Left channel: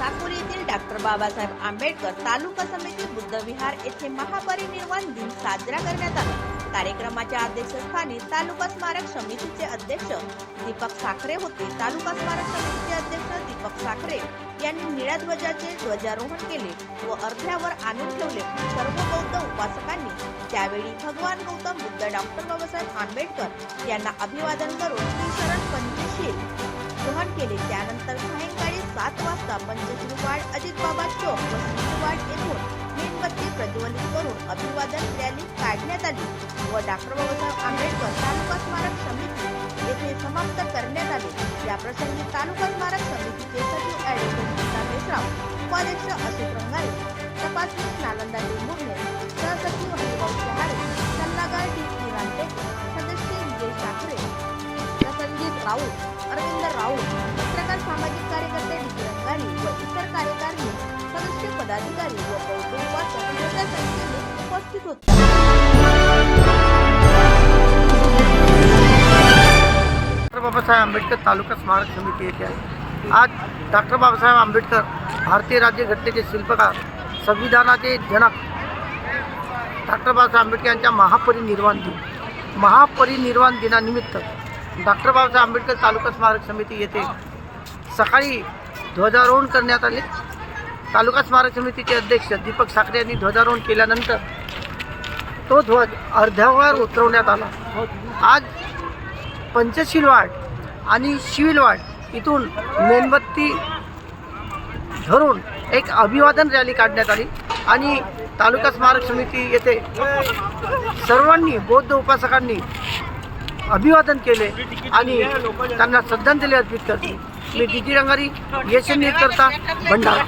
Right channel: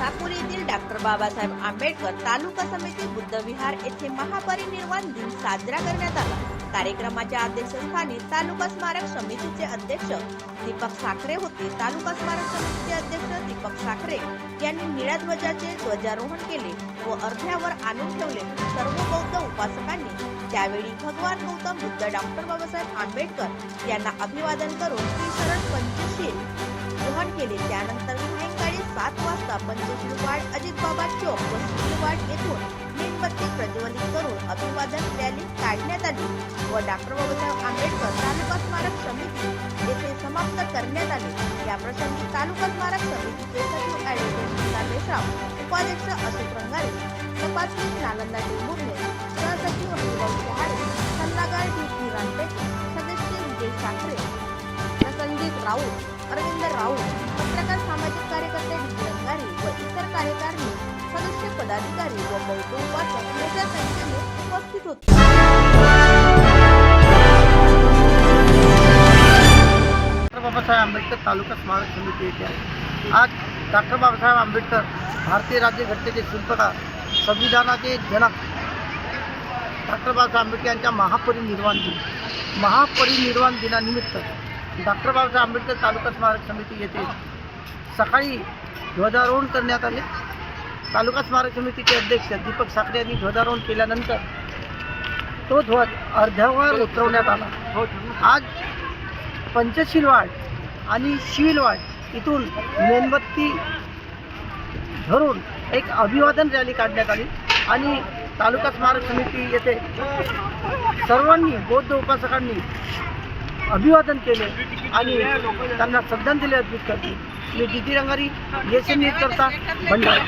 साकोली येथील डॉक्टर बाबासाहेब आंबेडकर तालुका समिती बुद्धविहार येथे महापरिनिर्वाण दिन साजरा करण्यात आला। कार्यक्रमाच्या अध्यक्षस्थानी तालुका स्मारक समितीचे अध्यक्ष दीपक साखरे होते। तालुका स्मारक समितीचे अध्यक्ष दीपक साखरे यांनी निळ्या ध्वजाचे ध्वजारोहण केले व अर्ध्यावर आणून ठेवले। सर्व बौद्ध उपासकांनी त्यावेळी भगवान गौतम बुद्ध डॉक्टर बाबासाहेब आंबेडकर यांना अभिवादन करून श्रीशरण पंचशील ग्रहण केले। त्यानंतर सायंकाळी 7 वाजता पंचशील वाड, अजितबाबा चौक व श्रीवाड येथून मेणबत्ती प्रज्वलित करून अभिवादन रॅली काढण्यात आली व डॉक्टर बाबासाहेब आंबेडकर तालुका स्मारक समिती येथे समाप्त करण्यात आले। या प्रसंगी तालुका स्मारक समितीचे सचिव ॲडव्होकेट गीता मेश्राम, उपाध्यक्ष अशोक रंगारे, तपासनीस नालंदा टेंभुर्णे, सहसचिव हरिभाऊ चहारे, सल्लागार डी रामटेके, सदस्य विजय साखरे, संजीत राऊत, अरविंद राऊत, पत्रकार, सामाजिक कार्यकर्ते डी रंगारी व इतर कार्यकारिणी सदस्य, पदाधिकारी व बौद्ध उपासक मोठ्या संख्येने उपस्थित होते। डॉक्टर बाबासाहेब आंबेडकर तालुका स्मारक समिती येथे आज डॉक्टर बाबासाहेब आंबेडकर भारतीय राज्यघटनेचे शिल्पकार, संविधानाचे जनक डॉक्टर बाबासाहेब आंबेडकर यांच्या महापरिनिर्वाण दिनानिमित्त डॉक्टर बाबासाहेब आंबेडकर तालुका स्मारक समिती येथे सकाळी ध्वजारोहण करण्यात आले। तालुका स्मारक समितीचे अध्यक्ष दीपक साखरे यांनी ध्वजारोहण केल्यानंतर तो ध्वज अर्ध्यावर उतरवण्यात आला। आज पंचशील वाड आणि शिविल वाड इथून मेणबत्ती धरून एक अभिवादन रॅली काढण्यात आली आणि तालुका स्मारक समिती येथे सर्वांनी बौद्ध उपासकांनी अभिवादन केले आणि त्यांना श्रद्धांजली अर्पित केली। मी डी रंगारी, एस न्यूज करता भंडारा।